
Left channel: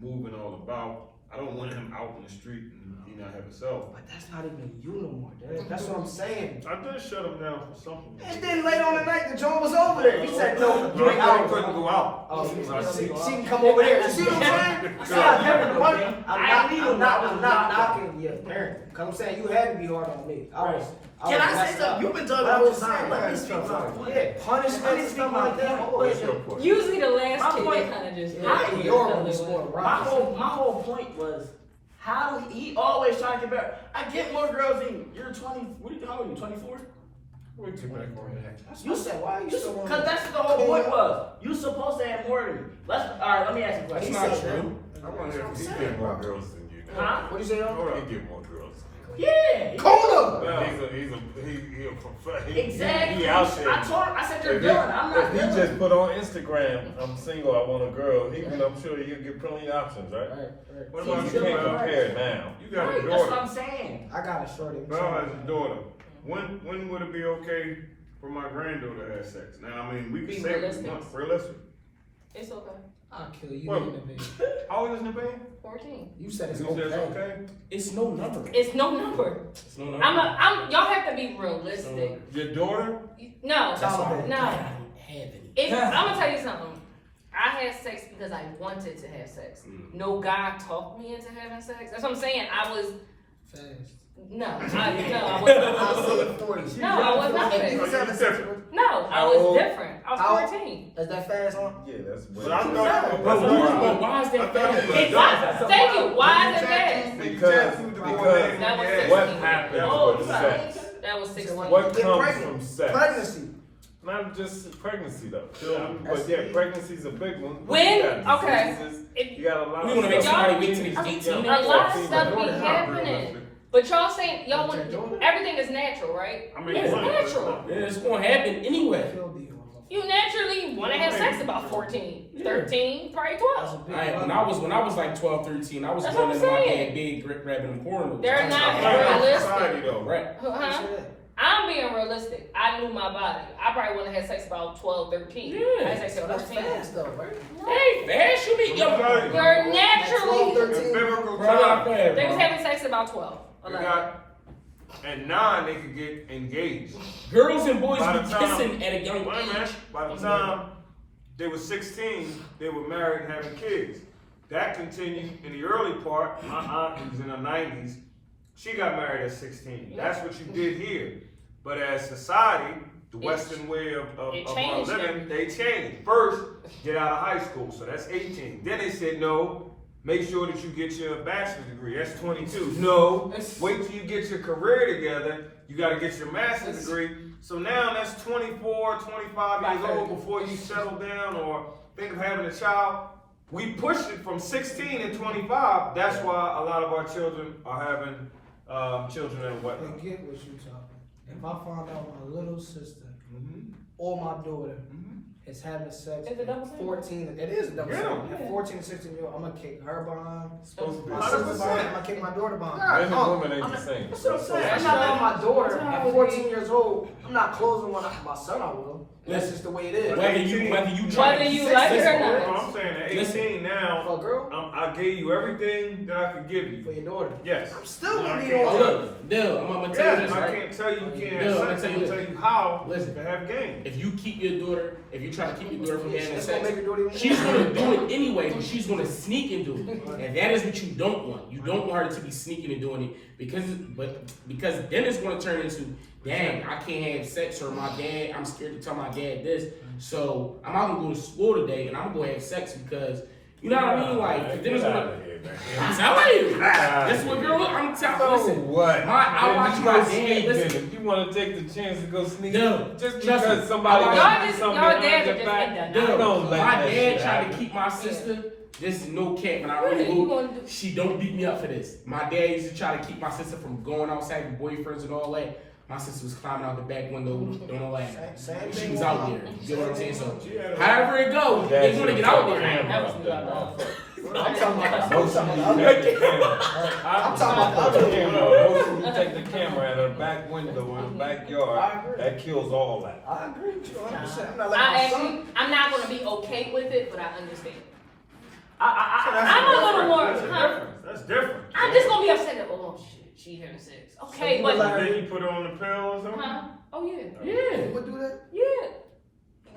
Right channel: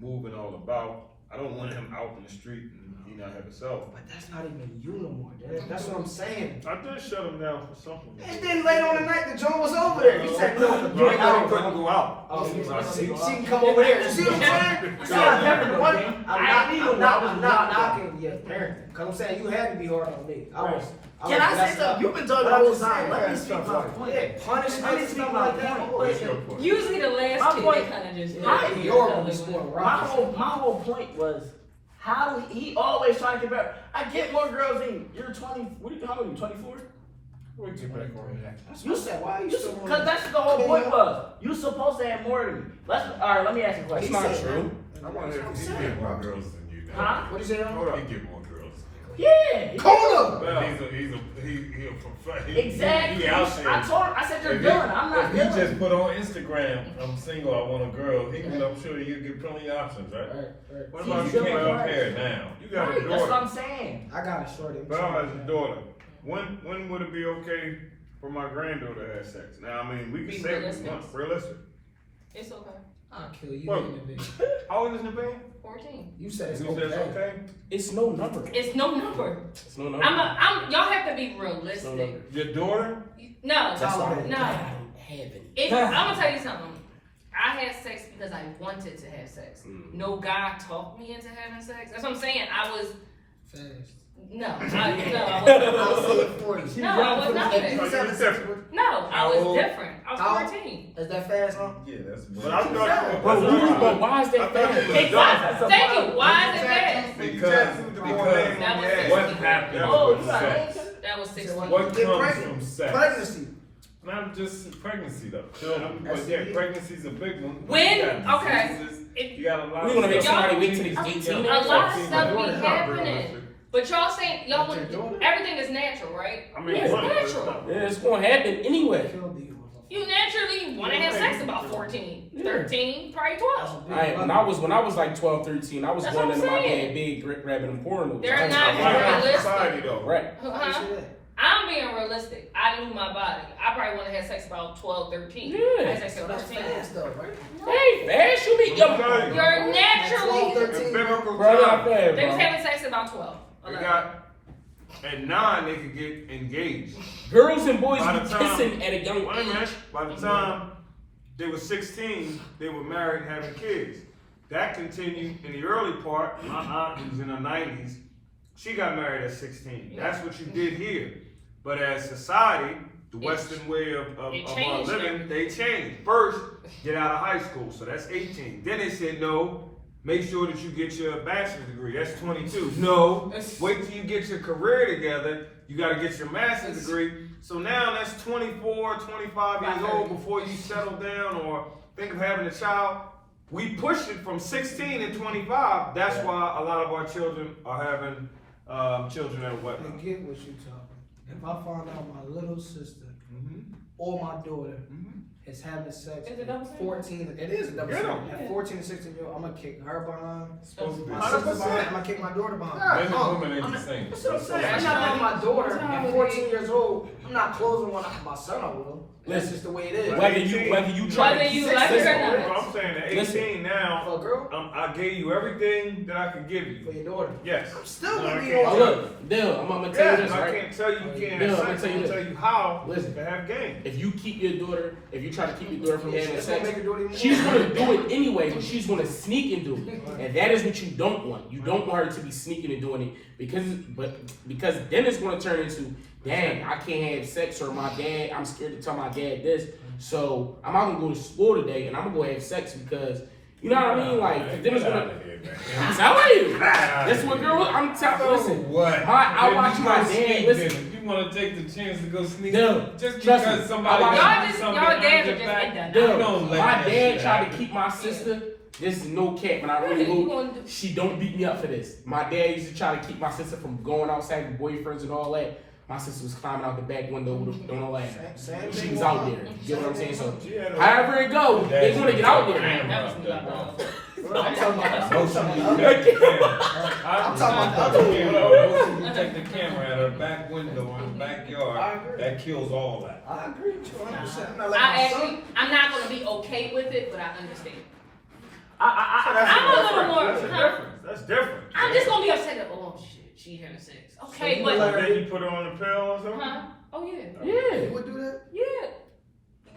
moving all about. I don't want him out in the street and he not have a cell phone. But that's not even you no more, Dad. That's what I'm saying. I did shut him down for something. And then later on the night, the joint was over there. He said, no, you ain't I out. couldn't go out. Oh, she I see. can come over there. You see what I'm saying? See how different one? I'm not knocking your parenting. Cause I'm saying you had to be hard on me. Can I say something? You've been talking the whole time. Let me speak my point. Yeah, punishment and stuff like that. What's your point? Usually the last My kid, point- they kind of just. Yeah, your one was more My rock. whole point was, how do he always trying to compare? I get more girls than you. You're 20. How old are you? 24. We'll get back on that. You said why you so Because that's what the whole point was. You supposed to have more than me. All right, let me ask you a That's question. not true. I want to hear if he saying. get more girls than you. Huh? What you say? Hold up. He get more girls. Yeah. Kona! Well, He's a professional. Exactly. He out there. I said you're If villain. I'm not If he villain. just put on Instagram, I'm single, I want a girl, I'm sure he'll get plenty of options, right? what So about you you, can't Bell? compare now. You got a Right, that's what I'm daughter. saying. I got a shorty. Bell has a daughter. When would it be okay for my granddaughter to have sex? Now, I mean, we can Be say what we realistic. want. Realistic. It's okay. I'll kill you What? in the bed. How old is Nabeen? 14. You said it's You said it's okay. okay? It's no number. It's no number. It's no number. Y'all have to be realistic. Your daughter? No, That's why no. I don't have it. I'm gonna tell you something. I had sex because I wanted to have sex. No guy talked me into having sex. That's what I'm saying. I was Fast. no, I wasn't. I'll say it for you. No, I was not Oh, fast. you was different. No, I How was old? different. I How- was 14. Is that fast, huh? Yeah, that's But I thought But why is that I thought you was Exactly. Thank you. Why is it fast? When you tattooed the boy name That on was your ass. what happened Oh, you with got sex? That was 16. What Get comes pregnant. from sex? Pregnancy. Not just pregnancy though. Children. But yeah, pregnancy's a big one. When- You got okay. diseases, It- You got a lot We of wanna make stuff. somebody wait till he's 18. A lot of 14, stuff be It's not happening. realistic. But y'all saying y'all That's your want daughter? everything is natural, right? I mean, it's money, but it's natural. not- Yeah, it's gonna happen anyway. Kill these motherfuckers. You naturally want to have sex about 14, 13, probably 12. When I was like 12, 13, I was That's going what I'm into my saying. dad big grabbing them pornos. They're I was not like, I'm in realistic. society though. Right. Huh? I'm being realistic. I knew my body. I probably want to have sex about 12, 13. Yeah. I had sex at That's 13. fast though, right? Hey, fast you be Let me young. tell you. You're naturally. In biblical Bro, not time, bad, They was bro. having sex at about 12. they 11. got at 9 they could get engaged. Girls and boys By be the time- kissing at a young Wait a age. minute. By the time they were 16, they were married and having kids. That continued in the early part. My aunt, who's in her 90s, she got married at 16. That's what you did here. But as society, the Western way of our changed living, they changed. First, get out of high school, so that's 18. Then they said, no, make sure that you get your bachelor's degree. That's 22. No, wait till you get your career together. You got to get your master's degree. So now that's 24, 25 years old before you settle down or think of having a child. We pushed it from 16 and 25. That's why a lot of our children are having children at a wet. Forget what you talking. If I find out my little sister or my daughter is having sex Is it at double standard? 14, it is a double Yeah. standard. At 14 and 16 year old, I'm gonna kick her behind. Supposed to be. My 100%. sister behind, I'm gonna kick my daughter behind. Men and women ain't the same. That's what I'm saying. I'm not letting my daughter at 14 years old. I'm not closing when my son I will. That's just the way it is. Whether you try Whether to you sex like it this or boy, not. No, I'm saying at 18 Listen. now, For a girl, I gave you everything that I could give for you. your daughter. Yes. I'm still No, gonna I be can't on tell her. Look, Dale, I'm gonna tell you Yes, this, I right? can't tell you you can't Yeah, have I'm sex. gonna I'm tell gonna you tell you how Listen. to have game. If you keep your daughter, if you try to keep your daughter from Yeah, having that's gonna sex, make your daughter even she's more. gonna do it anyway, but she's gonna sneak and do it. And that is what you don't want. You don't want her to be sneaking and doing it because then it's gonna turn into, dang, I can't have sex, or my dad, I'm scared to tell my dad this. So I'm not gonna go to school today and I'm gonna go have sex because, you know what I mean? Like, then it's gonna. I'm telling you. That's what girl. I'm telling. Listen, What? I watch my dad. Sneak Listen, then. You want to take the chance to go sneak? No, Just trust because me. somebody I watch- got Y'all just- something y'all behind dads your are just back, like that. dude, don't let my that dad shit tried to happen. keep my sister. This is no cap, and I What are really you hope gonna do? she don't beat me up for this. My dad used to try to keep my sister from going outside with boyfriends and all that. My sister was climbing out the back window and all that. Same She thing was with out my- there. You get what I'm saying? So, She had a- however it goes, they're gonna get out there. That was not love. Well, I'm talking about the Motion, other you one. take the camera. I'm talking about the other one. Motion, you take the camera out of the back window in the I backyard. agree. That kills all that. I agree with you 100%. I'm not letting I my son. actually, I'm not gonna be okay with it, but I understand. So that's I'm a little difference. more. That's a huh? difference. That's different. I'm just gonna be upset that, oh shit, she having sex. Okay, you but. like- Then you put her on the pill or something? Huh? Oh yeah. Yeah. You would do that? Yeah.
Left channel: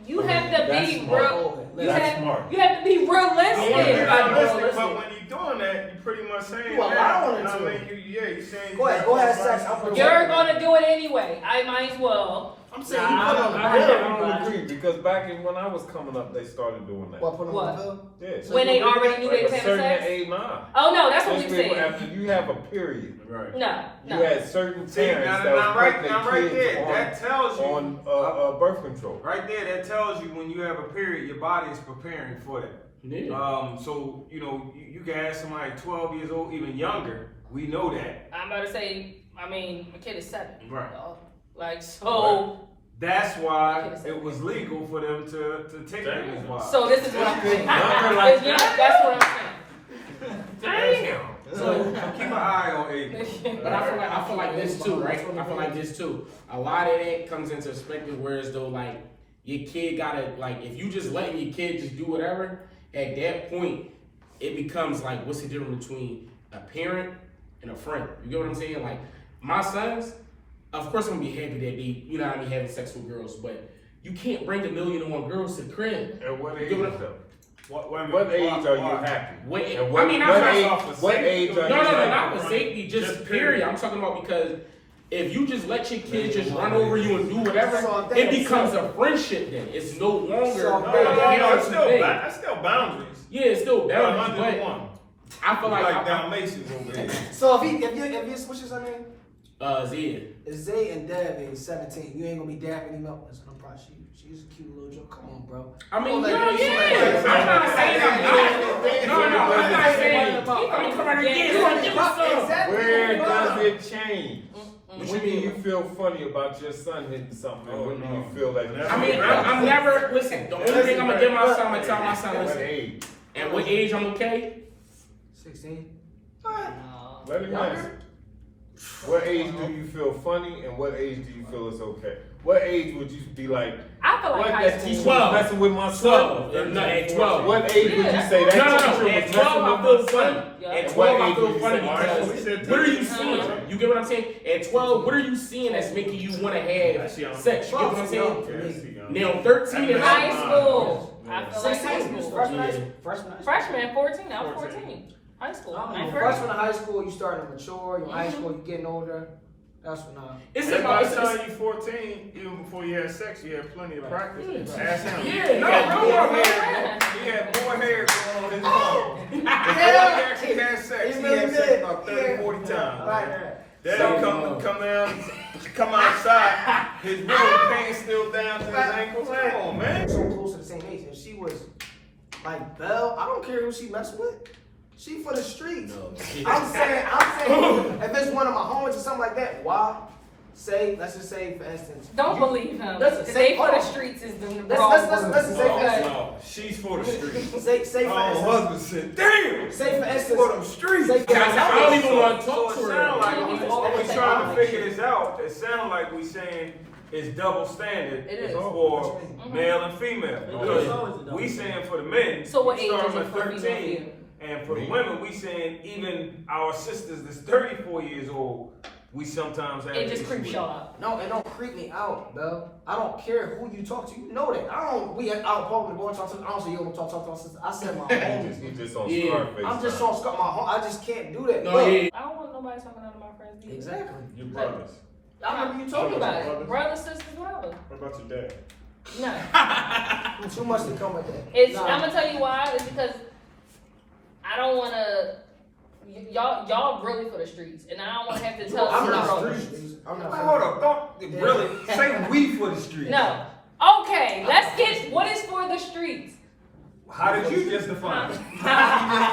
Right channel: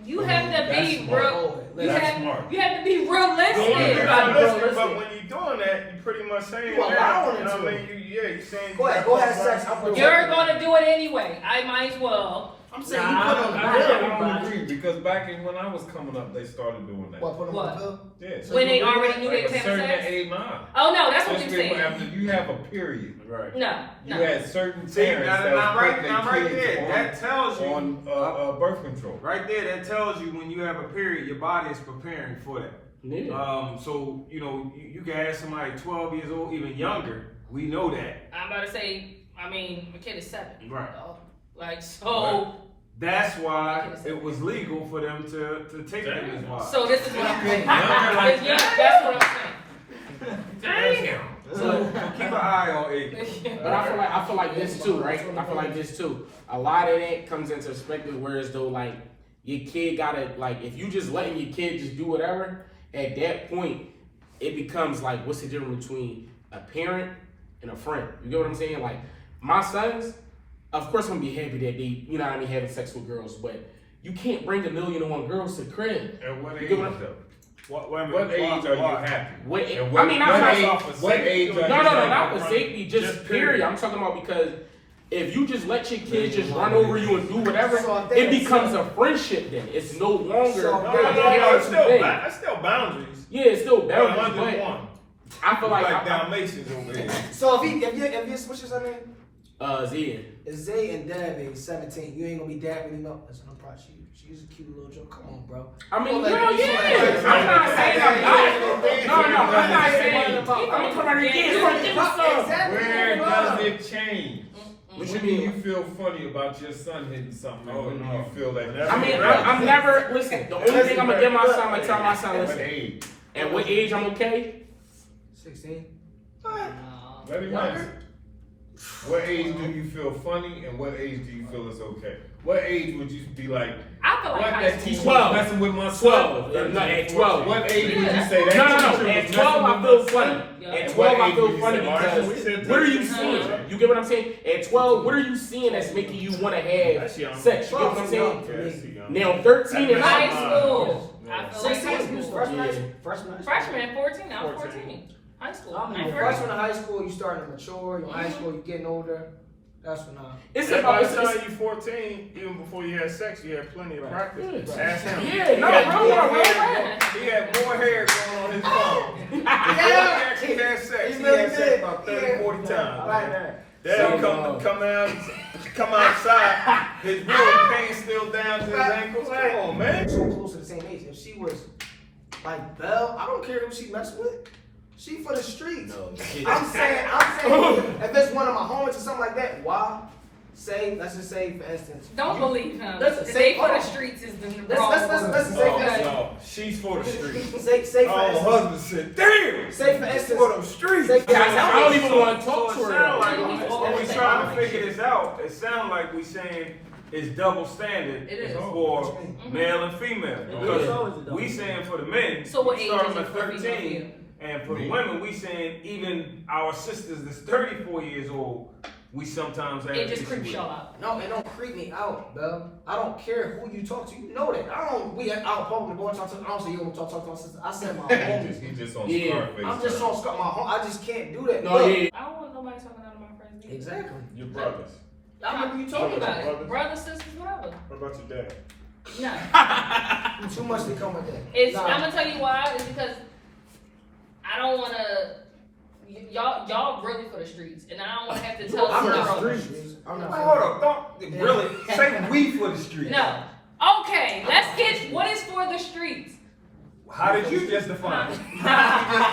You have to That's be smart. real. You That's have, smart. you have to be You want to be realistic. realistic, but when you're doing that, you pretty much saying You allowing that. it to. I mean, you saying. Go ahead, go ahead, sex. I'm protecting You're that. gonna do it anyway. I might as well. I'm saying Nah, you put on the I I pill. everybody. don't agree because back in when I was coming up, they started doing that. What, put on What? the pill? Yeah. So When you they agree already knew with they At was a having certain sex. age, nah. Oh no, that's what you're Especially saying. after you have a period. Right. No, You no. had certain See, parents now, that now, was right, putting now, their right kids there, that tells you. on birth control. Right there, that tells you when you have a period, your body is preparing for that. Yeah. So you know, you can ask somebody 12 years old, even younger. We know that. I'm about to say. I mean, my kid is 7. Right. Like so. That's why it was legal for them to take them as wives. So this is what I'm saying. Younger like That's what I'm saying. Damn. So keep an eye on Abe. But I feel like this too, right? I feel like this too. A lot of that comes into perspective, whereas though like your kid gotta like if you just letting your kid just do whatever, at that point it becomes like what's the difference between a parent and a friend? You get what I'm saying? Like my sons, of course I'm gonna be happy that they, you know what I mean, having sex with girls, but you can't bring 1,000,001 girls to the crib. At what You age get what I'm- though? What age are you happy? What, And I mean, I'm not what age are you No, happy? not for safety, just period. I'm talking about because if you just let your kids just run over you and do whatever, So I think it becomes a friendship then. It's no longer. So- No, it's still, thing. that's still boundaries. Yeah, it's still boundaries, but 101. I feel Like like Dalmatians over here. So if you what's your name? Zia. If Zay and Dab is 17, you ain't gonna be dabbing him up. Listen, I'm proud of you. She's a cute little joke. Come on, bro. I mean, Well, hell like, yeah. I'm not saying I'm not. No, I'm not saying I'm gonna come out here again. You wanna give me some? Exactly. Where does it change? What When you do mean? you feel funny about your son hitting something? Oh, When do no. you feel like Whenever I mean, you're I'm never, listen, the only thing I'm gonna give my son, I'm gonna tell my At son, what listen, age? at what age I'm okay? 16. Let him answer. What age do you feel funny and what age do you feel it's okay? What age would you be like, I feel like what, high that school. teacher 12. was messing with my 12. son? No, at 12. What age would you say that No. teacher At was 12, I messing feel with my funny. son? Yeah. At And 12, what I age feel do you funny say, because we said what are you 13, seeing? right? You get what I'm saying? At 12, what are you seeing that's making you want to have That's young. sex? You get what I'm saying? Yeah, that's young. Now, 13 is High That's school. Yeah. I feel like high 16. school. Freshman. Freshman, 14. I'm 14. 14. High school. I mean, I'm freshman in high school, you starting to mature. You're in high school, you're getting older. That's when It's And about by the it's- time you're 14, even before you had sex, you had plenty of practice. Yeah. Ask him. Yeah, He no, had bro, more bro, hair- bro. He had more hair going on his phone. Before he Yeah. actually had sex, he really had sex did. about 30, 40 times. Right man. there. Dad So, come outside, his real pain still down to his ankles. Come on, man. So close to the same age. If she was like Belle, I don't care who she messing with. She for the streets. I'm saying, if it's one of my homies or something like that, why? Let's just say, for instance. Don't believe him. Listen, Say for hold the on. streets is the Let's wrong listen, word. say for instance. No, she's for the streets. Say for Oh, instance. husband said, damn, Say for for instance. them streets. Say for I don't even want to So talk it to her. sound like Oh, when we okay. trying to figure this out, it sound like we saying it's double standard It is. for male and female. Because is. we saying for the men, So what we age start is them it at for female 13, and for the women, we saying even our sisters that's 34 years old, we sometimes have It an just issue creeps with. y'all out. No, it don't creep me out, Belle. I don't care who you talk to. You know that. We out public going to talk to. I don't say yo, talk to my sister. I said my homies. He just on Yeah. Scarface. I'm just on my home. I just can't do that. No, Look, yeah. I don't want nobody talking out of my friends' business. Exactly. Your brothers. I remember you Talk talking about about it. brothers? Brothers, sisters, whatever. What about your dad? No. it. Too much to come with that. It's, Nah. I'm gonna tell you why. It's because I don't wanna. Y'all really for the streets, and I don't wanna have to tell I'm certain not brothers. streets. I'm not. Hold up, don't really say we for the streets. No. Okay, let's get what is for the streets. How did you just define it? No, You just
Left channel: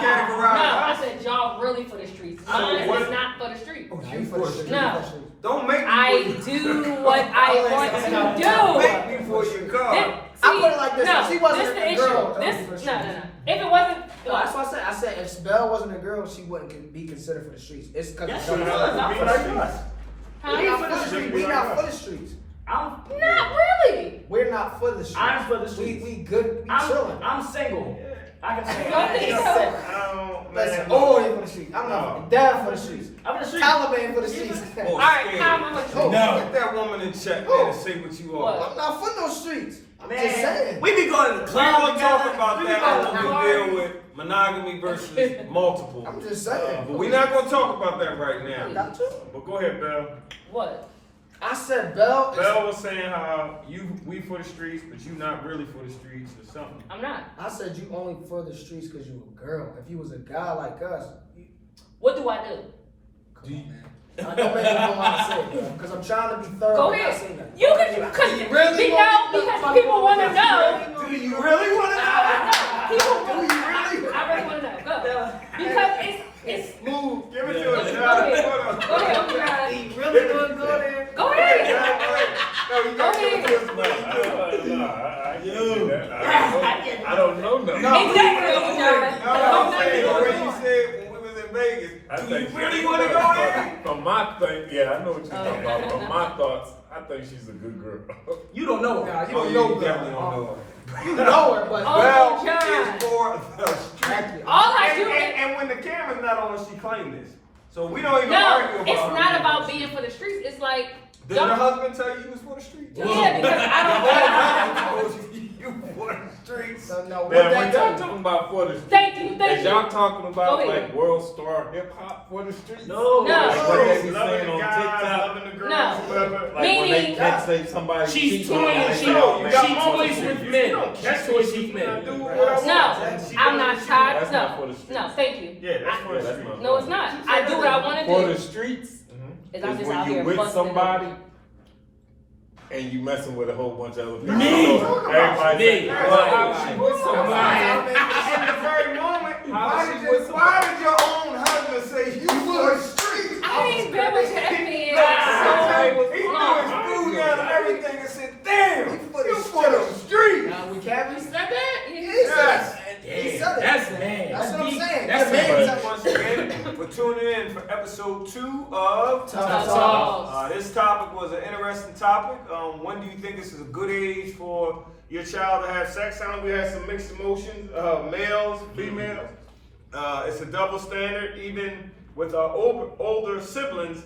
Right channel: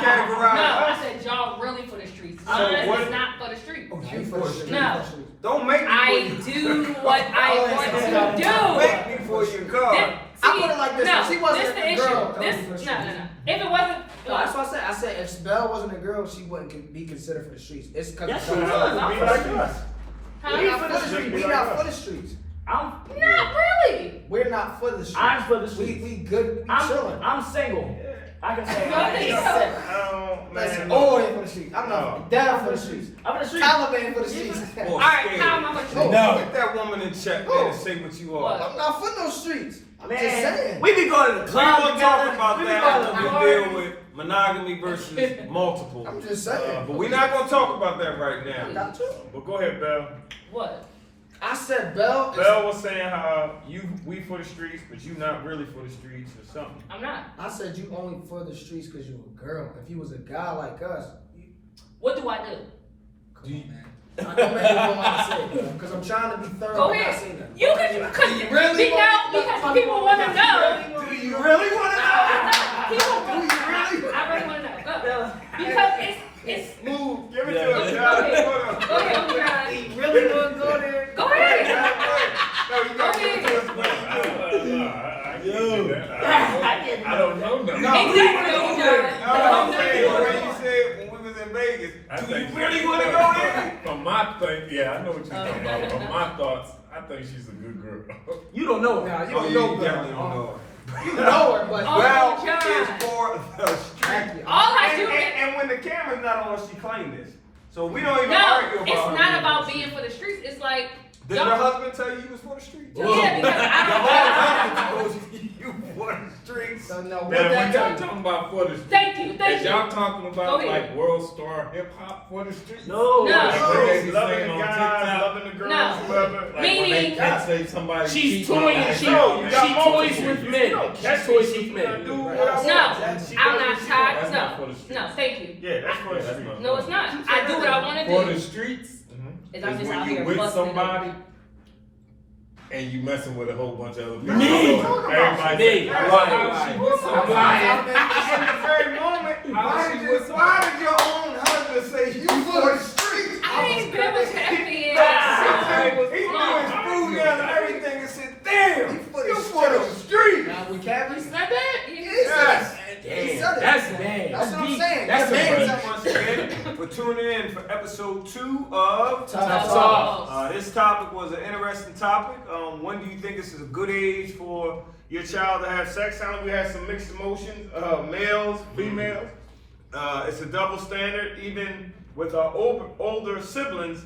categorize I us? said y'all really for the streets. So Mine what- is not for the streets. Oh, You you for the streets. No. Don't make me I for you. do what I want to do. Make me for your car. I put it like this, No, she wasn't this the a issue. girl. No. If it wasn't, No, that's why I said I said if Belle wasn't a girl, she wouldn't be considered for the streets. It's because Yes, of she the was. I'm Be for like the us. streets. Huh? We not for the for the streets. streets. We not for the streets. Not really. We're not for the streets. I'm for the streets. We good. We chilling. I'm single. I can say Go I'm ahead. Oh, Listen, man. all in for the streets. I'm No. not down for the streets. for the streets. Taliban for the streets. All right, Kyle, I'm gonna No. Get that woman in check, man, and say what you What? are. I'm not for no streets. I'm just Man, saying. we be going to the We club gonna talk together. about We be that going to when the we party. deal with monogamy versus multiple. I'm just saying. But we're not gonna talk about that right now. Got to. But go ahead, Belle. What? I said Belle. Belle was saying how we for the streets, but you not really for the streets or something. I'm not. I said you only for the streets because you a girl. If you was a guy like us, What do I do? I don't make me know how to say it, because I'm trying to be thorough. Go but not ahead. say nothing. You can, cause You really we want- know, because people want to know. Do you really want to know? People, Do you really? I really want to know. Go. Because it's. Move. Give it to Go us, ahead. John. Go ahead, John. He really want to go there. Go Right, ahead. John, right. No, you gotta give it to us what you do. I don't know nothing. Exactly, John. No, I'm saying the way you said when we was in Vegas. Do you really want to go there? From my thing, yeah, I know what you're talking about. From my thoughts, I think she's a good girl. You don't know it. Nah, you Oh, don't yeah, know you Belle. definitely don't know her. You know her, but Oh, Well, John. it's for the street. Thank you. All I do And when the camera's not on, she claimed this. So we don't even No, argue about it's her not being about for the being street. for the streets. It's like. Did your husband tell you you was for the streets? Yeah, because I Your don't whole know. husband told you you for the streets. So no, what Now, that when tell y'all you? talking about for the street, Thank you, thank is you. y'all talking about Go ahead. like world star hip hop for the streets? No. No. Like Streets, they loving saying the on guys, TikTok, loving the girls, No. whoever. like when they Meaning- can't say somebody. She's cheating on toying. them. She, No, you got she multiple. toys with You men. don't catch She me toys cheating with on men. dude what I No, want. And she I'm does not what she tired. That's not for the streets. No, thank you. wants. Yeah, that's for the Yeah, that's streets. not- No, it's not. I do what I want to For the do. streets, Is I'm is just when out you here with busting it somebody open. and you messing with a whole bunch of other people. Me. So everybody say, Me. "Hey, Right. she with somebody." In the very moment, why did your own husband say you for the streets? I ain't good with your opinion. He threw his food down and everything and said, damn, you for the streets. Now we can't be Said that? Yes. He said it. That's bad. That's what I'm saying. That's That bad. man's Once again, for tuning in for episode 2 of Tough Talk. This topic was an interesting topic. When do you think this is a good age for your child to have sex? Sounds like we had some mixed emotions, males, females. It's a double standard, even with our older siblings.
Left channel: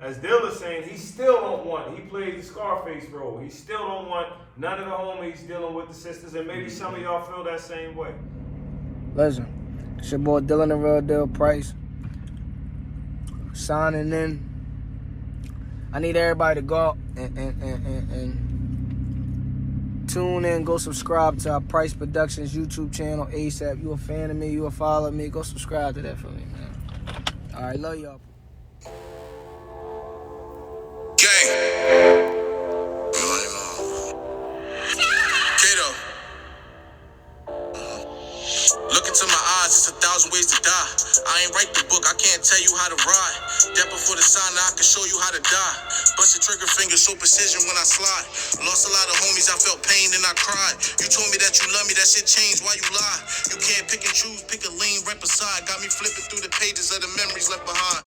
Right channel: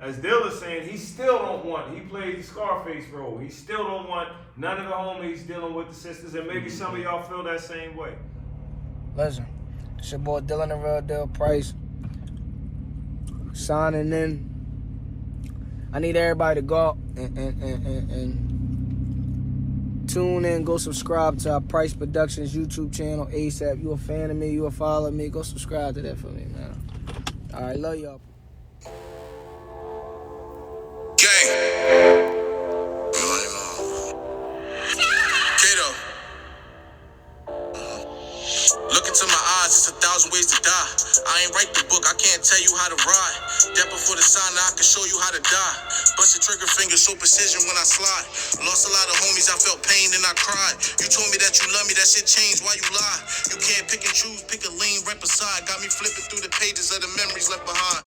As Dilla's saying, he still don't want. He played the Scarface role. He still don't want none of the homies dealing with the sisters, and maybe some of y'all feel that same way. Listen, it's your boy Dylan the Real Deal Price. Signing in. I need everybody to go out and tune in. Go subscribe to our Price Productions YouTube channel ASAP. You a fan of me? You a follow me? Go subscribe to that for me, man. All right, love y'all. Gang. Kato. Look into my eyes, it's 1,000 ways to die. I ain't write the book, I can't tell you how to ride. Step before the sign, now I can show you how to die. Bust the trigger finger, show precision when I slide. Lost a lot of homies, I felt pain and I cried. You told me that you love me, that shit changed, why you lie? You can't pick and choose, pick a lane right beside. Got me flipping through the pages of the memories left behind.